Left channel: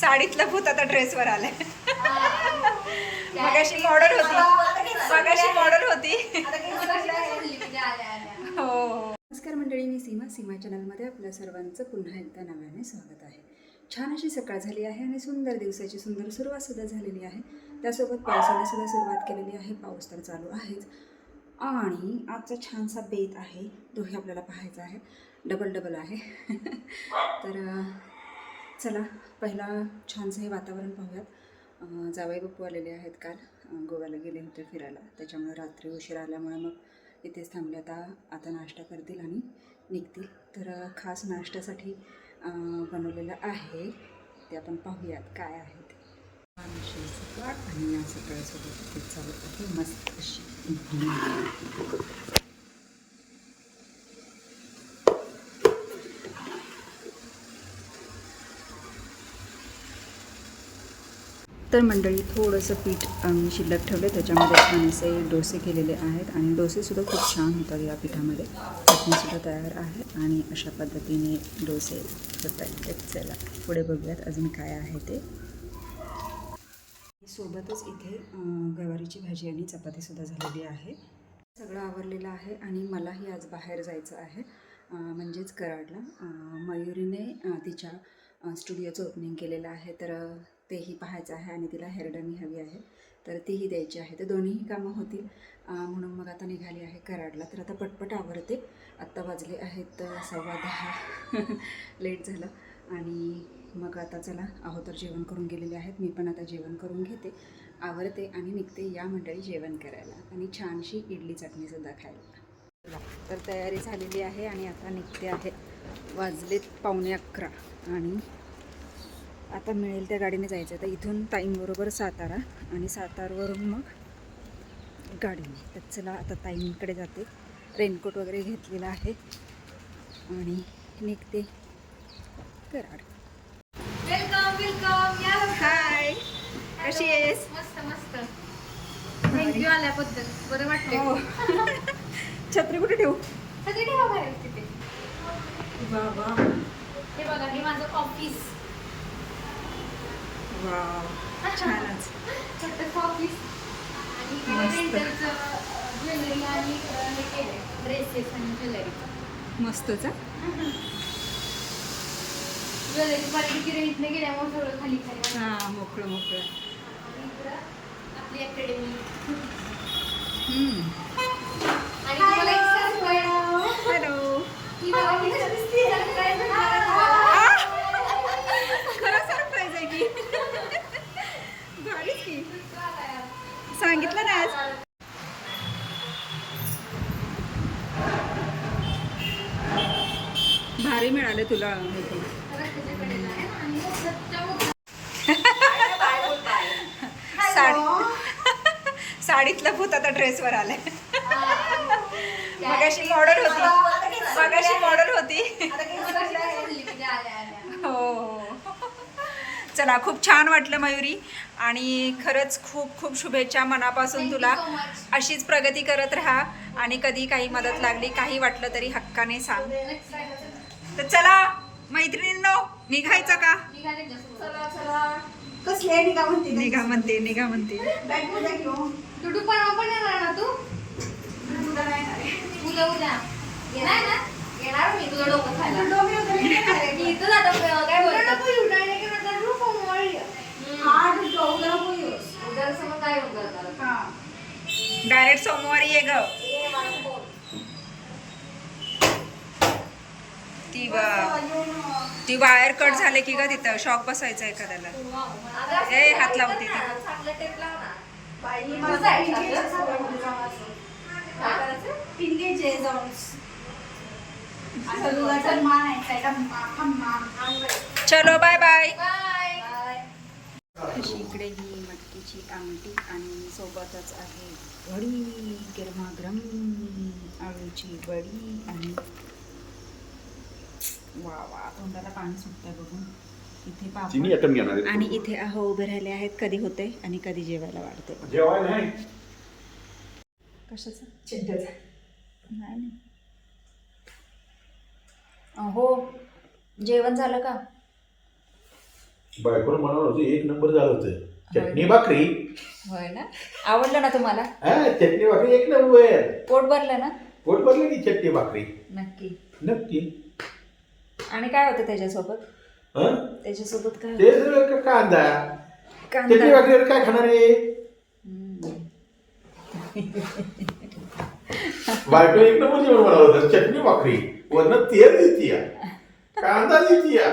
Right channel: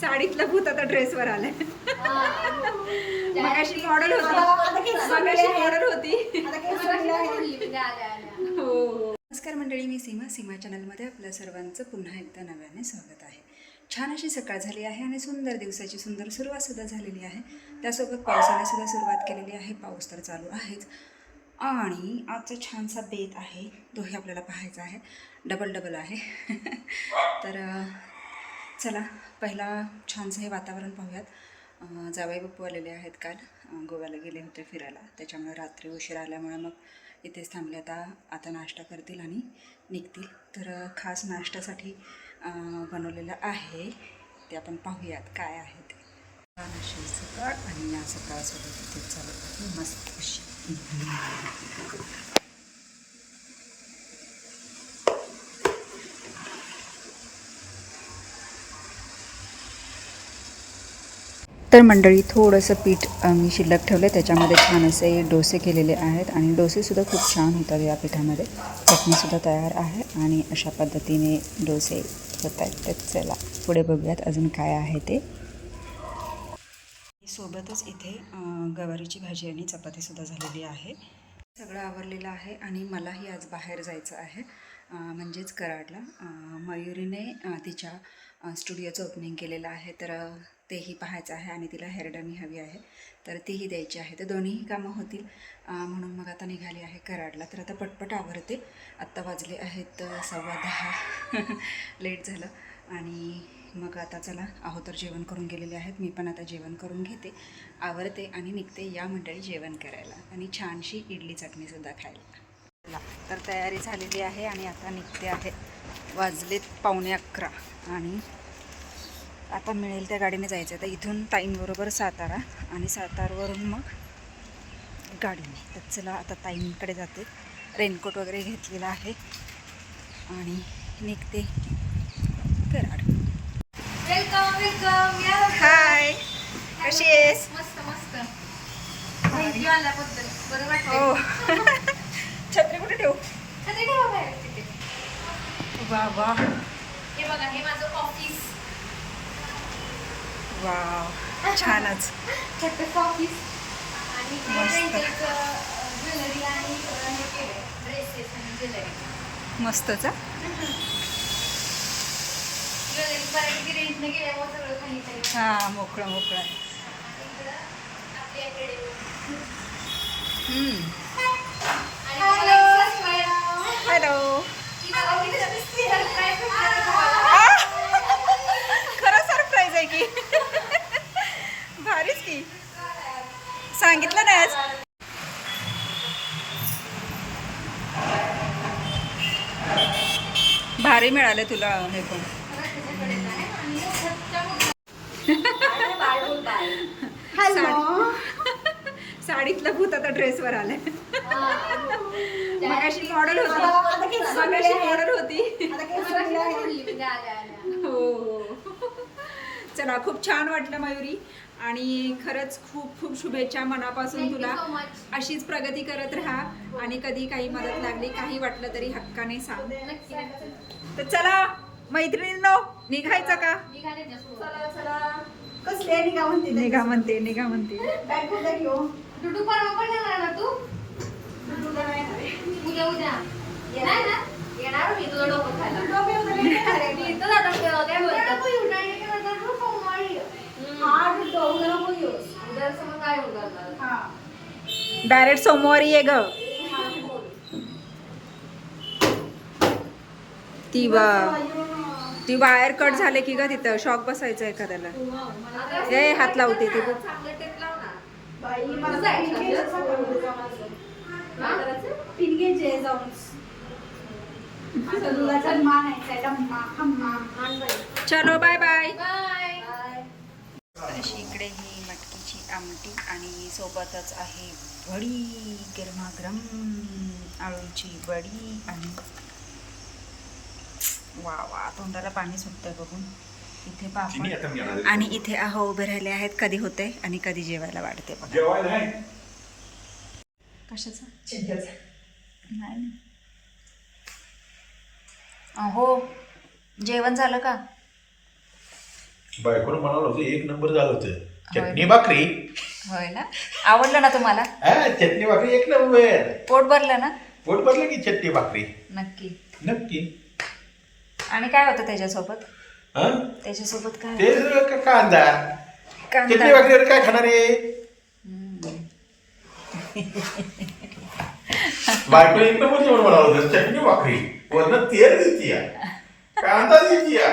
साडीतलं भूत आता ड्रेसवर आलंय. मगाशी मॉडेल होती. हो. नमस्कार मंडळी, मी सीमा चॅनलमध्ये आपल्या सर्वांचं पुन्हा एकदा नव्याने स्वागत आहे. छान अशी सकाळ झाली आहे आणि सुंदर दिवसाची सुंदर सुरुवातसुद्धा झालेली आहे. त्यासोबत पावसाने सुद्धा सुरुवात केलेली आहे. पाऊस तर चालू आहेच आणि आजचा छानसा बेत आहे, तोही आपल्याला पाहायचा आहे. डबल आहे. तर चला पहिला छानसं हे वातावरण पाहूयात. जावई बापू आलेले आहेत, काल गोव्याला गेले होते फिरायला, त्याच्यामुळे रात्री उशीर आल्यामुळे मग इथेच थांबले. आता नाश्ता करतील आणि निघतील. तर खास नाश्त्यासाठी बनवलेलं आहे ते आपण पाहूयात काय आहे ते. छान अशी सकाळ आणि या सकाळसोबत इथे चालू आहे मस्त अशी. तर मंडळी, थोडंसं पीठ मी शिल्लक ठेवलं, त्याच्यामध्ये छान असे डोसे केलेले आहेत आणि डोसेसुद्धा खूप छान होतात या पिठामध्ये. चटणीसुद्धा तयार आहे आणि अशा पद्धतीने डोसे होत आहेत. तर चला पुढे बघूयात अजून काय आहे ते. सोबतच इथे गवारीची भाजी आणि चपातीसुद्धा झालेली आहे. सगळं आवरलेलं आहे आणि मलाही आज बाहेर जायचं आहे, म्हणजेच कराडला. मयुरीने तिच्या स्टुडिओचं ओपनिंग केलेलं आहे, तर तेही पाहायचं आहे आणि तिला हेअरडनी हवी आहे, तर तीही द्यायची आहे. तर दोन्हीही कामं होतील म्हणून मग आता निघाली आहे कराडला. तर आता पटपट आवरते. आत्ता वाजले आहेत 10:15. लेट झालं आणि मग आता चला, अहो जेवण करून गेलेले आहेत. मी पण आता जेवण करून घेते, आवरते आणि निघते. या मंडळी जेवण करायला आणि छानशी इडली चटणीसुद्धा खायला. तर तयारी झालेली आहे आणि आता निघते आहे. वाजलेत 11:15 आणि आता मिळेल त्या गाडीने जायचं आहे. तर इथून ताईंबरोबर सातारा आणि सातारवरून मग गाडीने. तर चला आता ताईंकडे जाते. रेनकोट वगैरे घेतलेला आहे आणि निघते कराड. वेलकम. हाय, कशी आहेस? मस्त. थँक्यू आल्याबद्दल, बरं वाटलं. हो. छत्री कुठे ठेवू? छत्री ठेवा बाहेर तिथे. वा. हे बघा, हे माझं ऑफिस. वाव, छानच. छोटंसं ऑफिस आणि मस्त. ज्वेलरी आणि हे केलंय, ड्रेसेस आणि ज्वेलरी. मस्तच. ज्वेलरी मराठी रेंटने गेल्यामुळे सगळं खाली खाली. हां, मोकळं. आपली अकॅडमी. हॅलो. खरं सरप्राईज आहे की. भारीच की, सांगितलं नाही आज. भारी मिळालं तुला हे पण. साडीतलं भूत आता ड्रेसवर आलंय. मगाशी मॉडेल होती. हो. चला, खूप छान वाटलं मयुरी आणि खरंच खूप शुभेच्छा मनापासून तुला. अशीच प्रगती करत राहा आणि कधी काही मदत लागली, काही वाटलं तरी हक्काने सांग. तर चला मैत्रिणींनो, निघायचं का? निघा म्हणते. डुडू पण येणार ना तू? उद्या येणार ना? येणार मी तुझं डोकं खायला. इथं जातो तेव्हा काय बोलतो? डायरेक्ट सोमवारी ये ग. ती वायर कट झाले की ग, तिथं शॉक बसायचं एखाद्याला. ए, हात लावते ती. चलो बाय बाय. अशी इकडे ही मटकीची आमटी आणि सोबतच आहे वडी, गरमागरम आळूची वडी. आणि वा, तोंडाला पाणी सुटतंय बघून. इथे पापड आणि इथे अहो उभे राहिले आहेत. कधी होते आणि कधी जेवायला वाढते बघा. कशाचं? नाही. हो जेवण झालं का? बायकोनं म्हणाल होतं एक नंबर झालं होतं. होय. चटणी भाकरी. होय ना, आवडलं ना तुम्हाला? हा चटणी भाकरी एक नंबर. पोट भरलं ना? पोट भरलं की चटणी भाकरी. नक्की. नक्की. आणि काय होतं त्याच्यासोबत? हा त्याच्यासोबत काय ते होतं? कांदा. कांदा. चटणी भाकरीवर काय खाणार आहे? बायको एक नंबर जेवण म्हणाल होतं. चटणी भाकरी वरनं तेल देतीया, कांदा देतीया.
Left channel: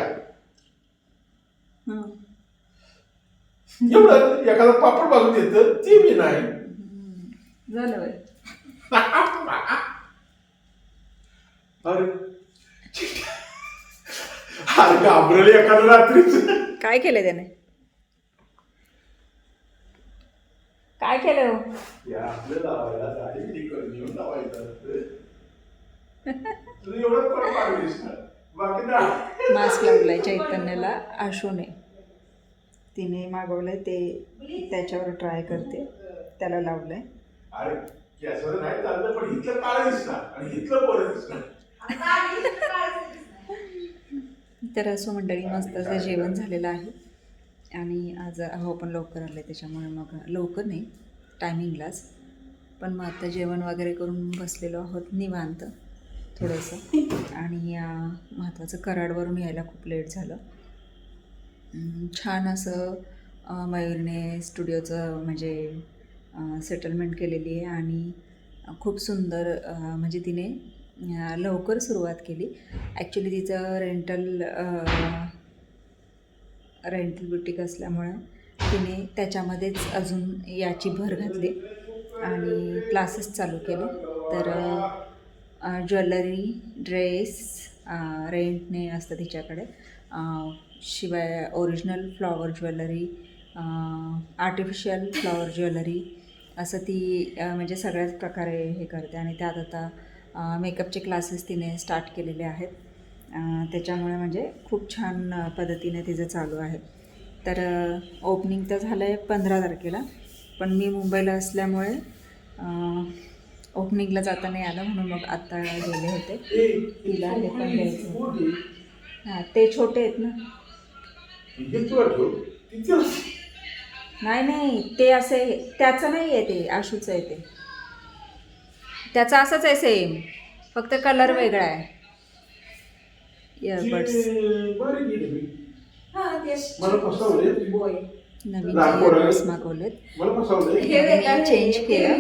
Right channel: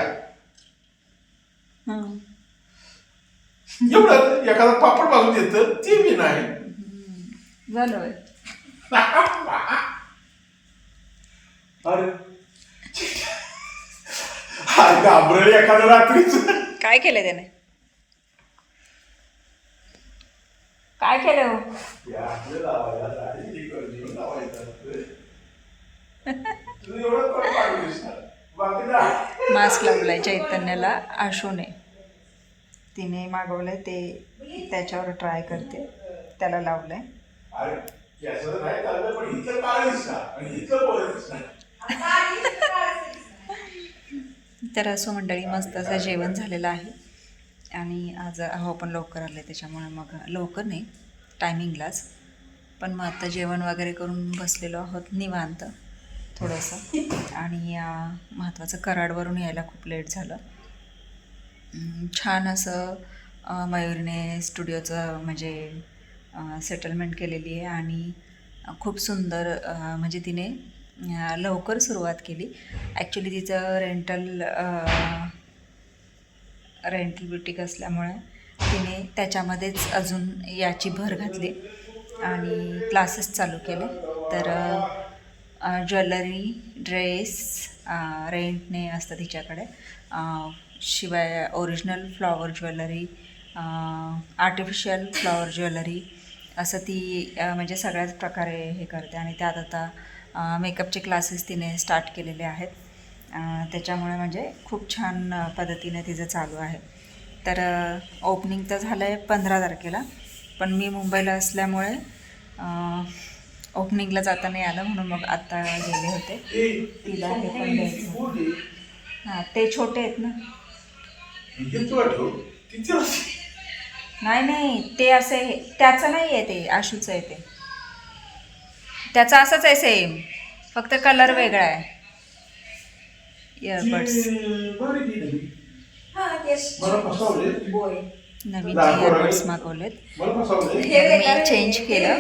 एवढं एखादा पापड भाजून देतं ते मी नाही. झालं. अरे घाबरले एखादं रात्रीच. काय केलं त्याने? काय केलं हो? मास्क लावलाय चैतन्याला आशूने. तिने मागवलंय ते त्याच्यावर ट्राय करते. त्याला लावलंय. तर असं मंडळी मस्त असं जेवण झालेलं आहे. आणि आज अहो पण लवकर आले त्याच्यामुळे मग लवकर नाही टायमिंगलाच. पण मग आता जेवण वगैरे करून बसलेलो आहोत निवांत थोडंसं. आणि महत्त्वाचं कराडवरून यायला खूप लेट झालं. छान असं मयूरने स्टुडिओचं म्हणजे सेटलमेंट केलेली आहे. आणि खूप सुंदर म्हणजे तिने लवकर सुरुवात केली. ॲक्च्युली तिचं रेंटल ब्युटिक असल्यामुळे तिने त्याच्यामध्येच अजून याची भर घातली आणि क्लासेस चालू केले. तर ज्वेलरी ड्रेस रेंटने असतं तिच्याकडे. शिवाय original flower jewellery, artificial flower jewellery असं ती म्हणजे सगळ्याच प्रकारे हे करते. आणि त्यात आता मेकअपचे क्लासेस तिने स्टार्ट केलेले आहेत. त्याच्यामुळे म्हणजे खूप छान पद्धतीने तिचं चालू आहे. तर ओपनिंग तर झालं आहे 15 तारखेला. पण मी मुंबईला असल्यामुळे ओपनिंगला जाता नाही आलं म्हणून मग आत्ता गेले होते. तिला हे पण द्यायचं. हां ते छोटे आहेत ना. नाही ते असे त्याचं नाही आहे, ते आशूचं आहे. ते त्याचं असंच आहे सेम, फक्त कलर वेगळा आहे. इयरबड्स नवीन इयरबड्स मागवलेत. मी चेंज केलं,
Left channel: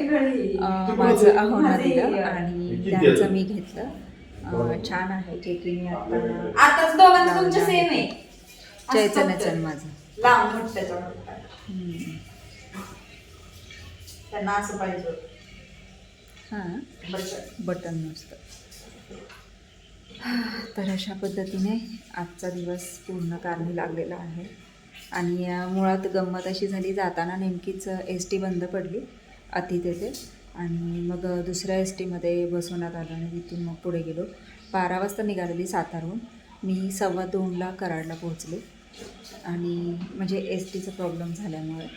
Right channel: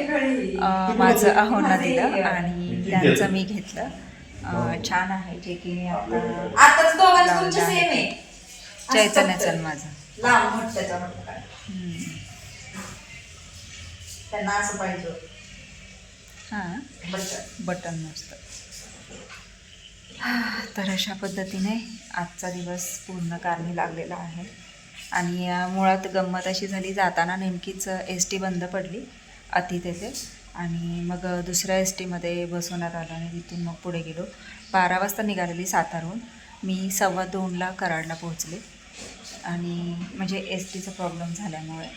माझं अहोंना दिलं आणि त्यांचं मी घेतलं. छान आहे जे की मी आता लावलं आहे. चैतन्याचं माझं त्यांना असं पाहिजे. हां बटन नसतं. तर अशा पद्धतीने आजचा दिवस पूर्ण कारणी लागलेला आहे. आणि मुळात गंमत अशी झाली, जाताना नेमकीच ST बंद पडली अति तेथे. आणि मग दुसऱ्या STमध्ये बसवण्यात आलं आणि तिथून मग पुढे गेलो. 12 वाजता निघालेली सातारहून. मी 2:15ला कराडला पोहोचले. आणि म्हणजे STचा प्रॉब्लेम झाल्यामुळे.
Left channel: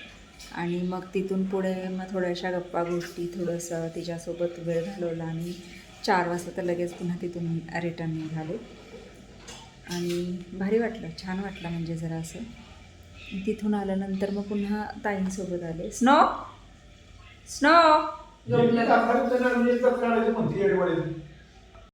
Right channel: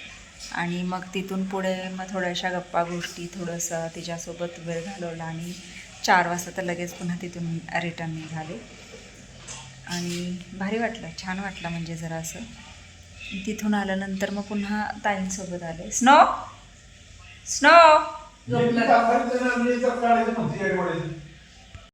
आणि मग तिथून पुढे मग थोड्याशा गप्पा गोष्टी, थोडंसं तिच्यासोबत वेळ घालवला. आणि 4 वाजता तर लगेच पुन्हा तिथून रिटर्न निघाले. आणि भारी वाटलं, छान वाटलं. म्हणजे जरा असं तिथून आल्यानंतर मग पुन्हा ताईंसोबत आले. स्नो